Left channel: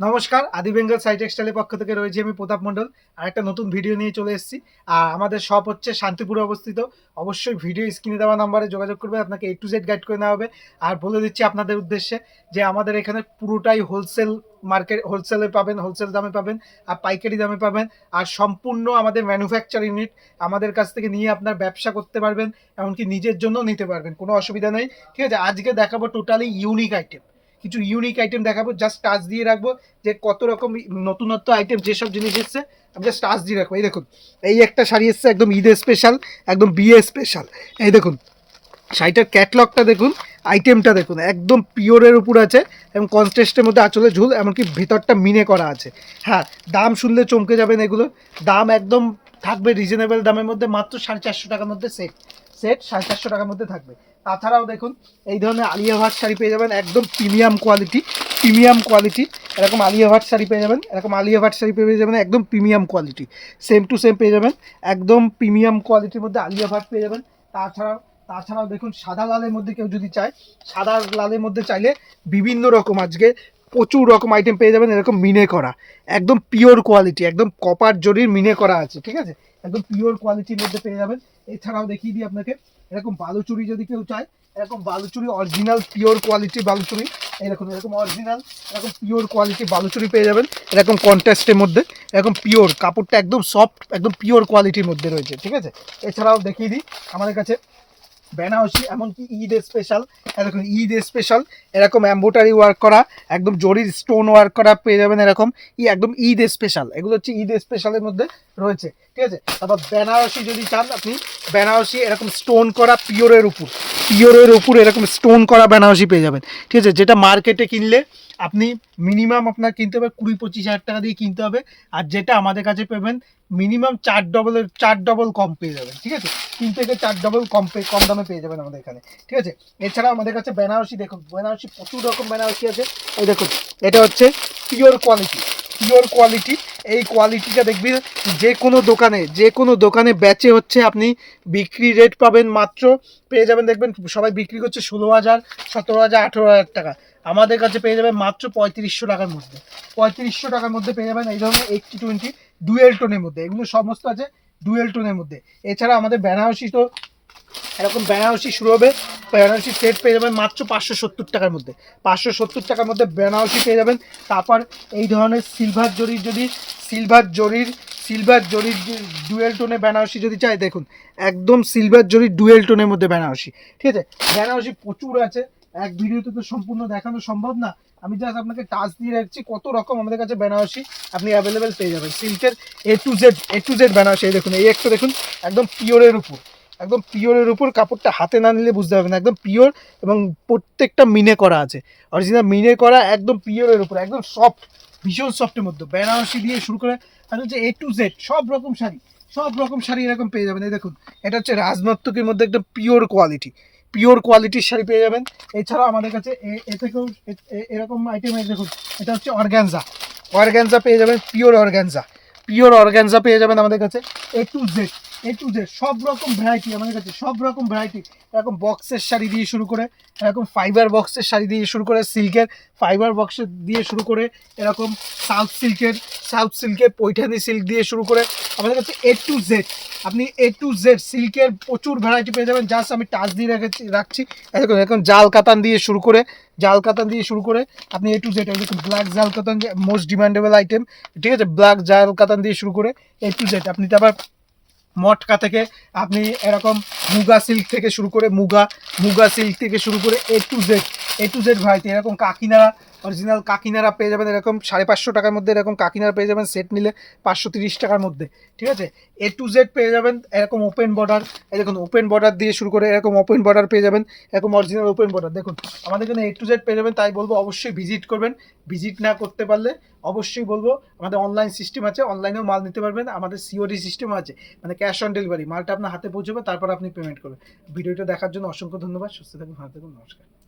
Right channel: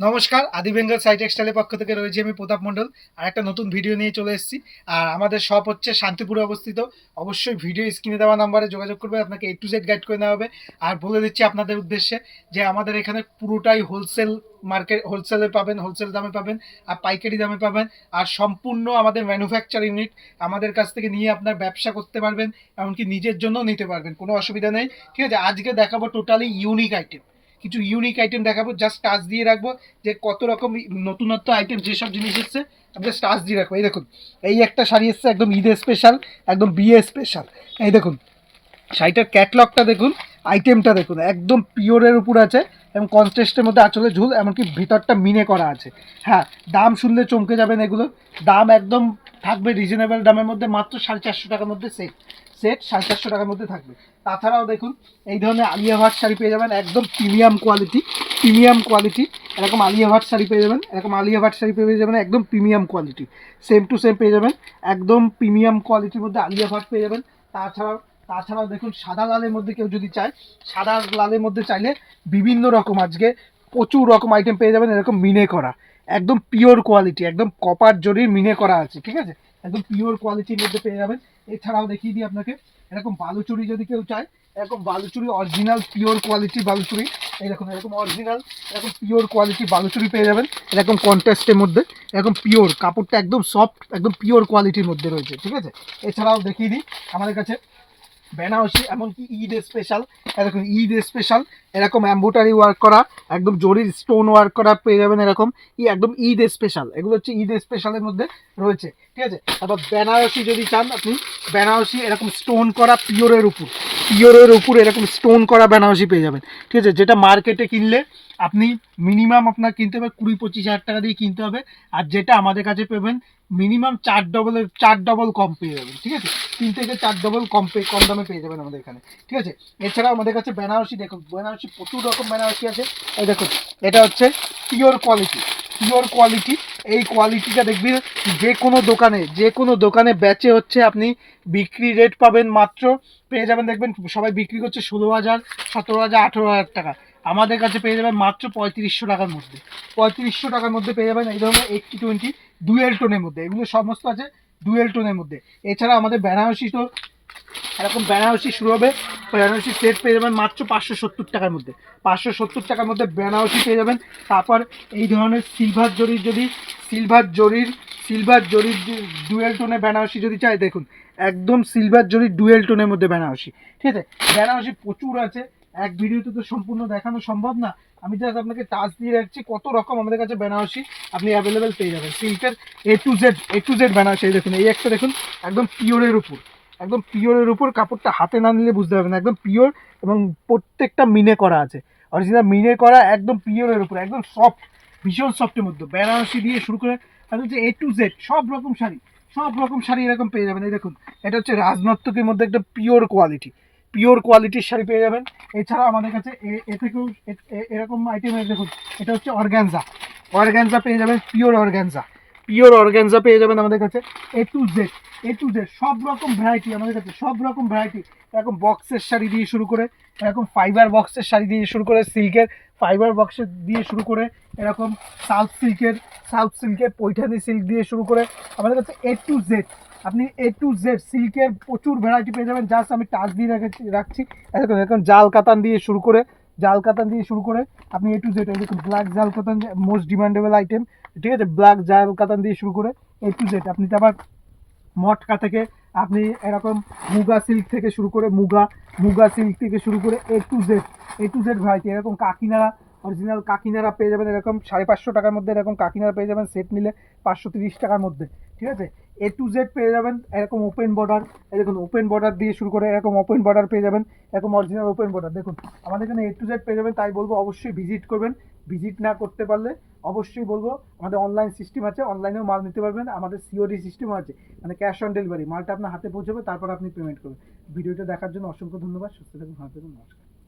নমস্কার, আদি বেঙ্গল সাই টেক্সটাইলের পক্ষ থেকে রয়েছি আমি প্রতাপ মণ্ডল। আর একটা নতুন ভিডিও নিয়ে চলে এসেছি। আর আমাদের শপ হচ্ছে শান্তিপুরে অবস্থিত। অবশ্যই ভিডিও স্ক্রিনে দেওয়া নাম্বারে যোগাযোগ করবে, আপনাকে A to Z গাইড করে নেওয়া হবে। আর বলে দিচ্ছি আপনাদের উদ্দেশ্যে যে আমাদের এখানে পুরোটাই হোলসেল মার্কেট, হোলসেলে পাবেন, হোলসেল দামে পাবেন আর পাইকারি দামে পাবেন। আর সম্পূর্ণ আমাদের ম্যানুফ্যাকচার ইউনিট, আমাদের কাছ থেকে নিয়ে আপনার ব্যবসা করতে পারবেন, এমনকি নিজের জন্য নিতে পারবেন, কোনো অসুবিধা নেই। ঠিক আছে, আজকে দেখাবো টোটালি ইউনিক আইটেম, কিছু ইউনিক আইটেম দেখাবো। জাস্ট টাচ দিয়ে রাখবো যে কত রকম নতুনত্ব আইটেম, যেসব জিনিস এসছে আমি জাস্ট টাচ দিয়ে রাখবো। এই দেখুন, এই একটা শাড়ি এসছে একদম ঈদের স্পেশাল, একদম বিয়ে স্পেশাল। এই দেখুন শাড়িটার ক্যাটলগটা দেখুন, আইটেমটা দেখুন, একদম পিওরের উপর আছে এবং কনট্রাস্টের মধ্যে আঁচলে ঝুল, এমনকি ভিতরটা মিনে করা আছে। হ্যাঁ, দাম শুনলে চমকে যাবেন। এগুলো দাম একদম থাকবে রিজনেবল দামের মধ্যে, মাত্র 450 টাকার মধ্যে সেট সেট 450 টাকার মধ্যে থাকবে। তাছাড়াও দেখুন এই ধরনের আলিয়া ভাট শাড়ি পেয়ে যাবেন, একদম প্রিমিয়াম কোয়ালিটি, প্রিমিয়াম কোয়ালিটি। এরকম আলিয়া ভাট শাড়ি পেয়ে যাবেন, এরকম আলিয়া ভাট শাড়ি পেয়ে যাবেন একদম premium quality, same to same পেয়ে যাবেন, একদম প্রিমিয়াম কোয়ালিটির মধ্যে আলিয়া ভাট পেয়ে যাবেন। তাছাড়াও তাছাড়াও দেখুন সাদা লালের মধ্যে কেউ যদি চায়, সাদা লালের মধ্যে চাইলে বিভিন্ন রকম আজকে প্রচুর রকম আইটেম পেয়ে যাবেন, এরকম মিনে করা, একদম পিওর কোয়ালিটি, একদম কপার জরির মিনে করা আছে। ঠিক আছে, একদম পিওর কোয়ালিটির মধ্যে পেয়ে যাবেন। এছাড়াও দেখিয়ে দিই আপনাকে, এরকম বালুচুরি যদি কেউ চায়, এরকম বালুচুরি অরিজিনাল পিওর কোয়ালিটির বালুচুরি, এরকম এরকম অরিজিনাল এরকম পিওর কোয়ালিটির বালুচুরি পেয়ে যাবেন, এরকম কন্ট্রাস্টের মধ্যে, এরকম পিওর কাপড়টা একদম সফট, একদম পিওর কোয়ালিটির মধ্যে রয়েছে। ঠিক আছে, এছাড়াও দেখিয়ে দিই আমাদের কাছে বেনারসি, এমনকি ঈদ স্পেশাল, এরকম ঈদ স্পেশাল এরকম এম্বোটারি ওয়ার্ক করা, একদম জরির স্টোন ওয়ার্ক করা পেয়ে যাবেন, এরকম একদম ঈদ স্পেশাল। এগুলো হচ্ছে ঈদ স্পেশালের মধ্যে রয়েছে। ঠিক আছে, তারপর বেনারসি যদি চান আপনি, বেনারসি এরকম স্টোন করা পিওরের উপর, পিওরের উপর এরকম স্টোন করা বেনারসি পেয়ে যাবেন। ঠিক আছে, যেটা মার্কেটে কিনলে আপনি মিনিমাম আপনার কিনতে হবে 20-25 হাজার টাকা দিয়ে কিনতে হবে, আর যেটা আমাদের কাছে পাবেন মিনিমাম 4 ডবল কম পেয়ে যাবেন। ঠিক আছে, 3 থেকে 4 ডবল কম দামে পেয়ে যাবেন আমাদের এখানে। ঠিক আছে, এছাড়াও আমাদের কাছে বেনারসি দেখুন, বেনারসি প্রচুর রকম বেনারসি আছে। এই দেখুন, এটা হচ্ছে পিওর কোয়ালিটি, পিওর কোয়ালিটি। এই কোয়ালিটিটা দেখবি যে কোনো দোকানে, যে কোনো দোকানে বেচে হচ্ছে আপনি বিক্রি রেট পাবেন মাত্র, পেয়ে যাবেন দেখবেন সবাই বিক্রি করছে 16,000, 17,000, 18,000 টাকা। আমাদের কাছে পেয়ে যাবেন মাত্র 3500 টাকার মধ্যে, 3500 টাকার মধ্যে পেয়ে যাবেন এই ধরনের 80-20 ডুয়েল টোনের মধ্যে। এগুলো সমস্ত আছে ডুয়েল টোনের মধ্যে। এছাড়া আমাদের বেনারসি তো এরকম বেনারসি শুরু হবে, বেনারসি সেট পেয়ে যাবেন মাত্র 570 টাকার মধ্যে, 570 টাকার মধ্যে বেনারসি পেয়ে যাবেন। তারপর এই ধরনের সিলভার জরির, যদি সিলভার জরির ডুয়েল টোনে বেনারসি যদি চাই, দেখুন একদম সিলভার জরির ডুয়েল টোনের মধ্যে বেনারসি। ঠিক আছে, বেনারসি প্রচুর আছে, এক ভিডিওতে তো সম্পূর্ণ দেখানো সম্ভব না, আমি জাস্ট আপনাকে টাচ দিয়ে রাখছি কত রকম আমাদের কাছে বেনারসি আপনি অ্যাভেলেবেল পেয়ে যাবেন। সিল্কের A to Z বেনারসি। এই দেখুন, এই একটা দেখুন, একদম পিওরের উপর, একদম পিওরের উপর, কাপড়টা হাতে না নিলে বুঝতে পারবেন একদম পিওর, এবং প্রত্যেকটা মিনে করা আছে, অরিজিনাল মিনে করা, একদম পিওরের উপর, একদম সফট, ভীষণ সফটের মধ্যে বেনারসি দিয়ে শুরু করে একদম যে A to Z সব রকম শাড়ি, সব রকম শাড়ি এরকম পেয়ে যাবেন। এই দেখুন, এটা হচ্ছে রাজনর্তকের মধ্যে একদম পিওর কোয়ালিটি, পিওর কোয়ালিটির শাড়ি পেয়ে যাবেন। এছাড়াও আমাদের কাছে এ থেকেও এরকম আইটেম দেখুন, এটা হচ্ছে অর্গ্যানজা, অর্গ্যানজা পেয়ে যাবেন, পিওর অর্গ্যানজা, পিওর অর্গ্যানজা পেয়ে যাবেন আমাদের কাছে। A to Z সব রকম ভ্যারাইটি আমাদের কাছে, সব রকম ভ্যারাইটি, এরকম বক্সের শাড়ি দিয়ে শুরু করে, এরকম ফাইবার বক্সের শাড়ি দিয়ে শুরু করে, সিল্কের ফাইবার বক্সের দিয়ে শুরু করে, এরকম সাউথ সিল্কের পৈঠানি সিল্ক দিয়ে শুরু করে আমাদের কাছে A to Z, আপনি A to Z সিল্কের প্রচুর ভ্যারাইটি পেয়ে যাবেন। জাস্ট আমি টাচ দিয়ে রাখছি। এরকম এরকম জাল কাতান দিয়ে শুরু করে, জাল কাতান দিয়ে শুরু করে আপনি A to Z, এরকম ব্ল্যাক জাল কাতান, মোস্ট ডিমান্ডেবল আইটেম। ঠিক আছে, ব্ল্যাক জাল কাতান দিয়ে শুরু করে A to Z, আপনি তো আবার মটকা থেকে আপনি এরকম মুগা সিল্ক থেকে শুরু করে, মুগা সিল্ক থেকে শুরু করে A to Z ভ্যারাইটি, এরকম কাকিনাড়া, অরিজিনাল কাকিনাড়া পেয়ে যাবেন এরকম 550 টাকার মধ্যে, এরকম কাকিনাড়া পেয়ে যাবেন সেট নিলে 530 টাকার মধ্যে। ঠিক আছে, A to Z পেয়ে যাবেন এরকম ওপেন বর্ডার, এই দেখুন ওপেন বর্ডার দিয়ে শুরু করে এরকম ওপেন বর্ডার পেয়ে যাবেন, এরকম অরিজিনাল ওপেন বর্ডার দেখুন আমাদের এখানে A to Z পেয়ে যাবেন। তাই বলবো অবশ্যই ভিজিট করবেন, ভিজিট না করতে পারলে অবশ্যই বলবো আমাদের অনলাইন সিস্টেম আছে, অনলাইনেও মাল নিতে পারবেন, আমাদের COD সিস্টেম আছে, মানে ক্যাশ অন ডেলিভারি, মালটা আপনার হাতে পৌঁছবে, তারপর আপনি পেমেন্ট করবেন। ভিডিওটা দেখার জন্য অসংখ্য ধন্যবাদ, সুস্থ থাকুন, ভালো থাকুন, নমস্কার।